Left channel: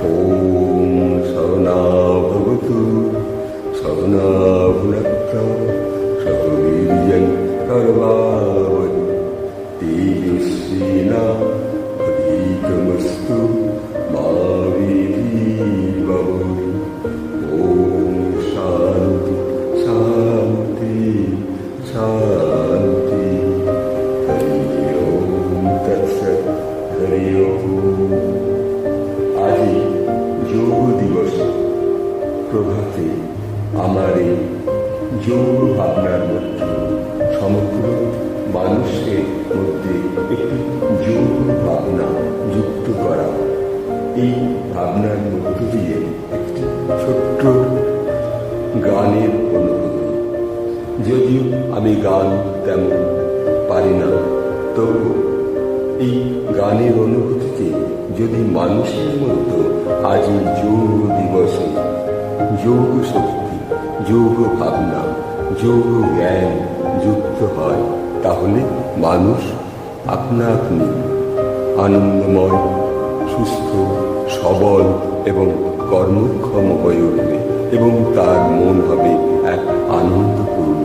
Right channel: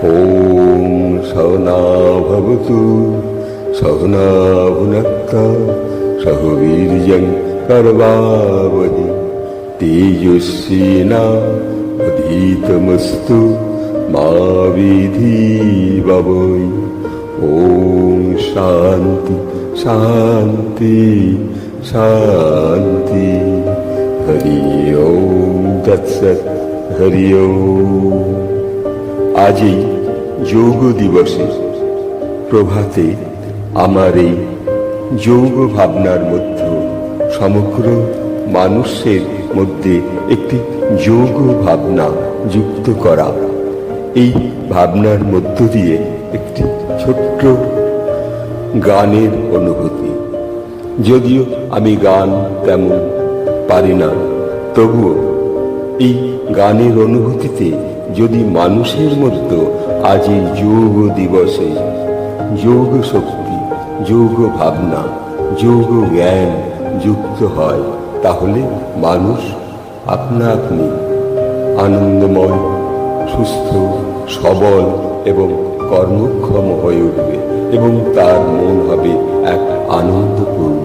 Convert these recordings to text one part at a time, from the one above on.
ॐ सहना भवतु सहना भुनक्ता सह वीर्यं करवावहै तेजस्विनावधीतमस्तु मा विद्विषावहै। ॐ शान्ति शान्ति शान्ति। हरि ओम तत्सत्। हरि ओम। আজ এই যোগ দিবসে প্রভাতে আমার এই যোগ ভাবনার মধ্যে সমগ্র মানুষের মধ্যে একটি যোগ ভাবনা যুক্ত করা, এই ভাবনার মধ্য দিয়ে একটি ছোট্ট গানের অনুভূতি। যদিও আমি গান তেমন পারি না, তবুও এই গানের অনুভূতিতে যদি মানুষের মধ্যে আজ এই যোগ দিবসে যোগ শক্তি, যোগ ভাবনা, যোগ জ্ঞান যুক্ত হয়, তাহলে মানুষ আপনা আপনি আনন্দময়, সুস্থ, সবল এবং কর্মক্ষম হয়ে উঠবে এবং তার মন হবে এক আনন্দপূর্ণ,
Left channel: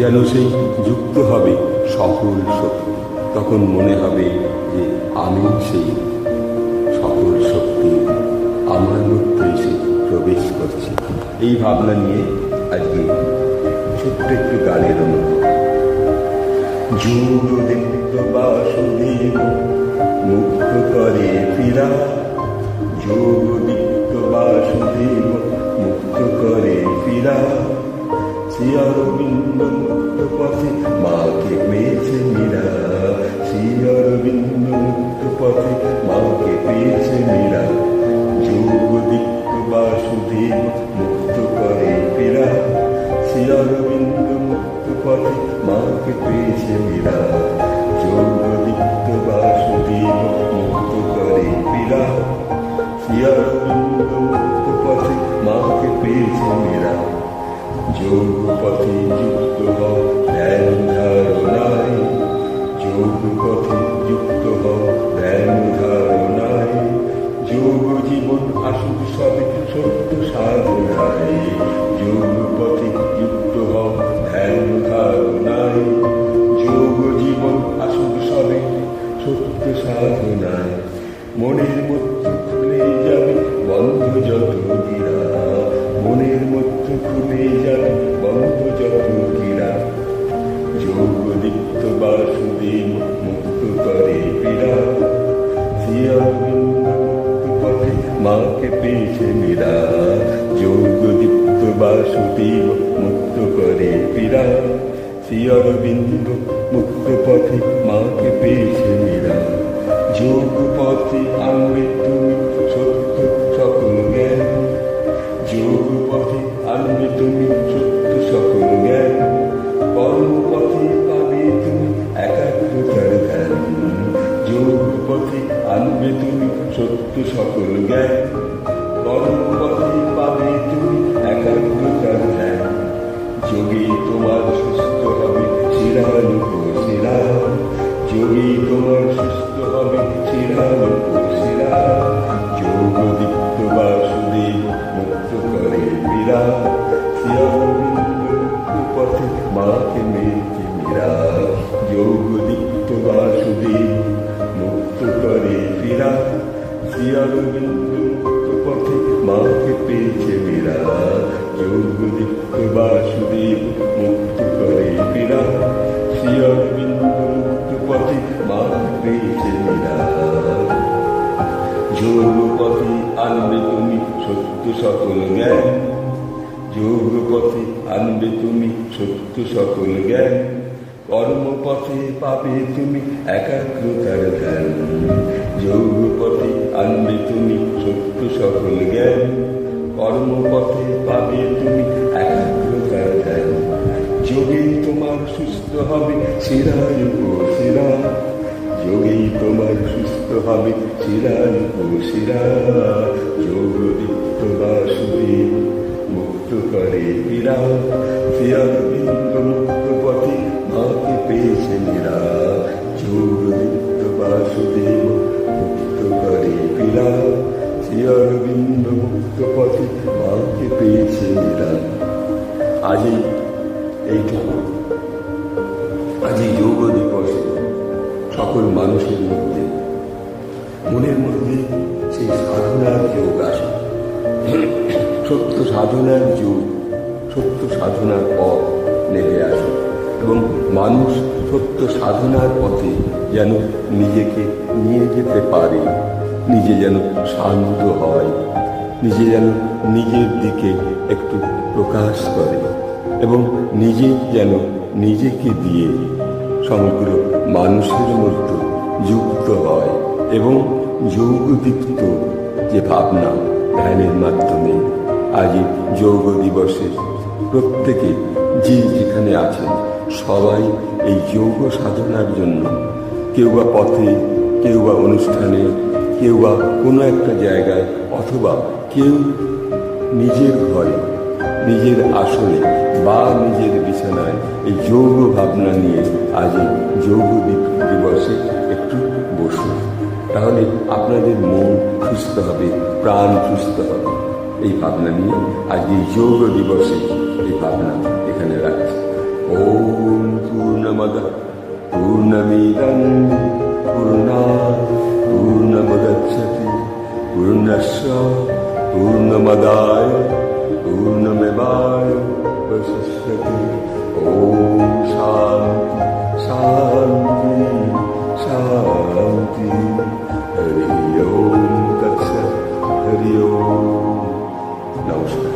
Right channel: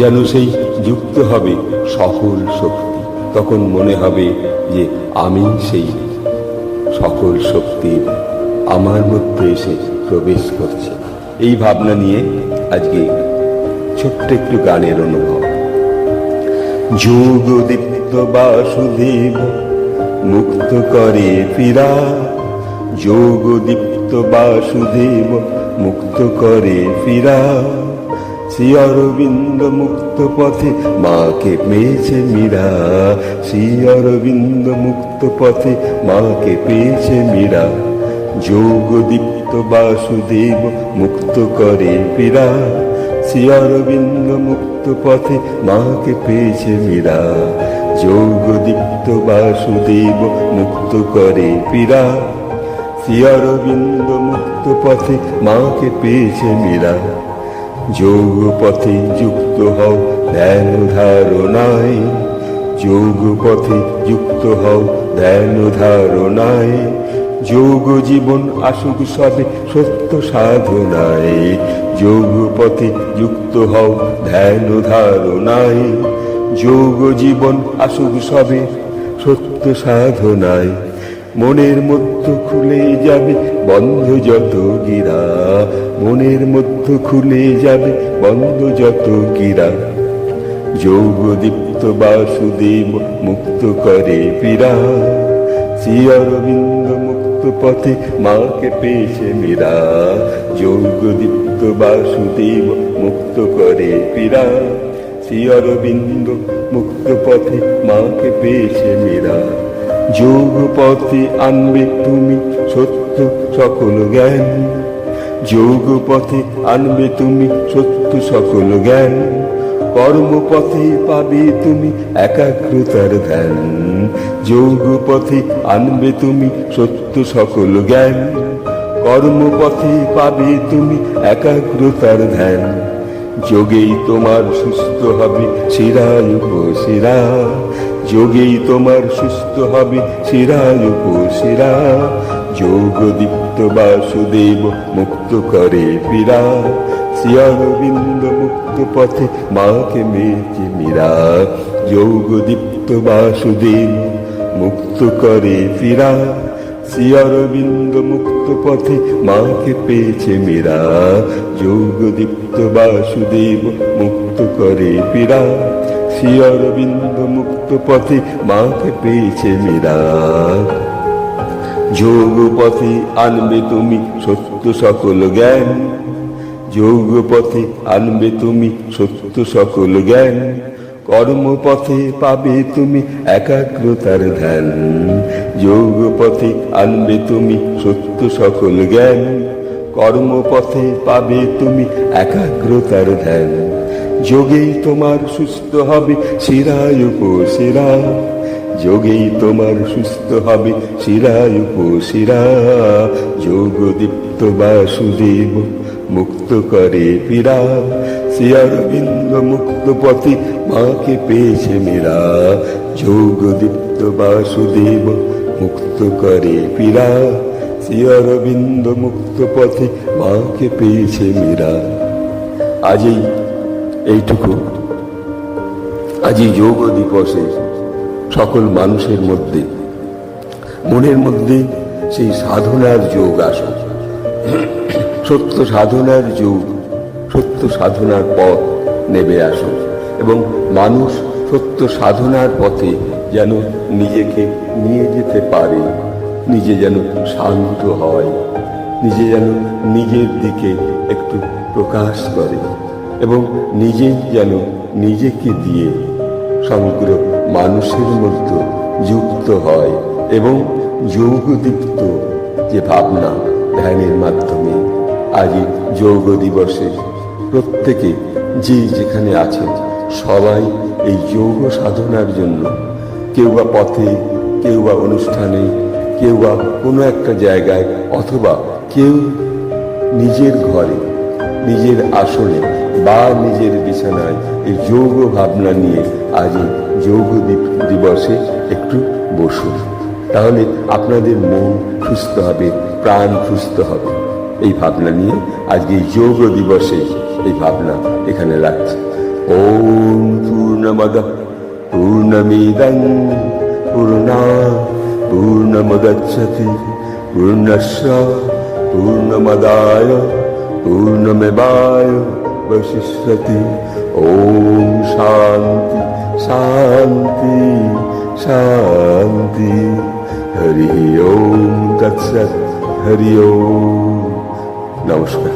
যেন সেই যুক্ত হবে সকল শক্তি। তখন মনে হবে যে আমি সেই সকল শক্তি আমার মধ্যে এসে প্রবেশ করছে। এই ভাবনা নিয়ে আজকে ছোট্ট একটু গানের অনুভব। যোগ দীপ্ত বাসুদেব মুক্ত করে ফিরা, যোগ দীপ্ত বাসুদেব মুক্ত করে ফিরা, শ্রী অরবিন্দ মুক্ত পথে মাকে পেয়েছে মীরা, শ্রী অরবিন্দ মুক্ত পথে মাকে পেয়েছে মীরা। যোগ দীপ্ত বাসুদেব মুক্ত করে ফিরা, শ্রী অরবিন্দ মুক্ত পথে মাকে পেয়েছে মীরা। যোগ দীপ্ত বাসুদেব মুক্ত করে ফিরা, শ্রী অরবিন্দ মুক্ত পথে মাকে পেয়েছে মীরা। যোগ পথে যুক্ত হও ধ্যান ধারণায়, যোগ পথে যুক্ত হও ধ্যান ধারণায়, যোগ জীবন আসুক সবে সত্য সাধনায়। যোগ পথে যুক্ত হও ধ্যান ধারণায়, যোগ জীবন আসুক সবে সত্য সাধনায়। মনের মধ্যে খুলে যাবে বন্ধ যত গিরা, মনের মধ্যে খুলে যাবে বন্ধ যত গিরা। যোগ দীপ্ত বাসুদেব মুক্ত করে ফিরা, শ্রী অরবিন্দ মুক্ত পথে মাকে পেয়েছে মীরা। যোগ দীপ্ত বাসুদেব মুক্ত করে ফিরা, শ্রী অরবিন্দ মুক্ত পথে মাকে পেয়েছে মীরা। যোগ পথে আনবে তুমি সত্য সকল জ্ঞান, যোগ পথে আনবে তুমি সত্য সকল জ্ঞান, কর্মপথে পাবে তুমি একাগ্রতার ধ্যান। যোগ পথে আনবে তুমি সত্য সকল জ্ঞান, কর্মপথে পাবে তুমি একাগ্রতার ধ্যান। যোগেই তোমার সুস্থ হবে শিরায়ুপশিরা, যোগেই তোমার সুস্থ হবে শিরায়ুপশিরা। যোগ দীপ্ত বাসুদেব মুক্ত করে ফিরা, শ্রী অরবিন্দ মুক্ত পথে মাকে মেয়েছে মীরা। যোগ দীপ্ত বাসুদেব মুক্ত করে ফিরা, শ্রী অরবিন্দ মুক্ত পথে মাকে পেয়েছে মীরা। যোগ দীপ্ত বাসুদেব মুক্ত করে ফিরা, শ্রী অরবিন্দ মুক্ত পথে মাকে পেয়েছে মীরা। যোগ পথে আনবে তুমি সত্য সকল জ্ঞান, যোগ পথে আনবে তুমি সত্য সকল জ্ঞান, কর্মপথে পাবে তুমি একাগ্রতার ধ্যান। যোগ পথে আনবে তুমি সত্য সকল জ্ঞান, কর্মপথে পাবে তুমি একাগ্রতার ধ্যান। যোগেই তোমার সুস্থ হবে শিরায়ুপশিরা, যোগেই তোমার সুস্থ হবে শিরায়ুপশিরা। যোগ দীপ্ত বাসুদেব মুক্ত করে ফিরা, শ্রী অরবিন্দ মুক্ত পথে মাকে পেয়েছে মীরা। যোগ দীপ্ত বাসুদেব মুক্ত করে ফিরা, শ্রী অরবিন্দ মুক্ত পথে মাকে পেয়েছে মীরা। আজই এইটুকু, আজই যোগ দিবসে সকল মানুষের মধ্যে, মনের মধ্যে সেই সাধনার যোগ আসে, সত্য সাধনার যোগ, সত্য সাধনার পথ নেমে আসে এবং মানুষ সত্য সাধনার পথে যেন নিজেকে নিয়ে যেতে পারে, নিজে যেন শান্ত হয়, নিজে যেন নিজের দিকে একটু প্রকাশ করে এবং নিজে যেন নিজেকে দিয়ে সমগ্র মানুষের মধ্যে যুক্ত হয় এবং যোগদীপ্ত যে ভাবনা ধ্যানের মাধ্যমে আজ যোগ দিবসে প্রত্যেকে যে যেখানে আছেন সবাই এই যোগ সাধনার জন্য, কেউ বা পথে, কেউ বা অনুষ্ঠানে, কেউ বা কোনো একটা জায়গায়, অথবা কেউ নিজের ঘরে, নিজের আসনে বা নিজের বিছানায় এই যোগ ভাবনা নিয়ে আজ যোগ দিবসে একটু বসুন। তাহলে আপনাদের মন সুস্থ হবে, প্রাণ সুস্থ হবে। এই ভাবনা নিয়ে আজকে যোগ দিবসে এই ভাবনা এখানে রাখছি। ওম পূর্ণমদঃ পূর্ণমিদং পূর্ণাৎ পূর্ণমুদচ্যতে পূর্ণস্য পূর্ণমাদায় পূর্ণমেবাবশিষ্যতে। ওম শান্তি শান্তি শান্তি। হরি ওম তৎসৎ। হরি ওম। নমস্কার।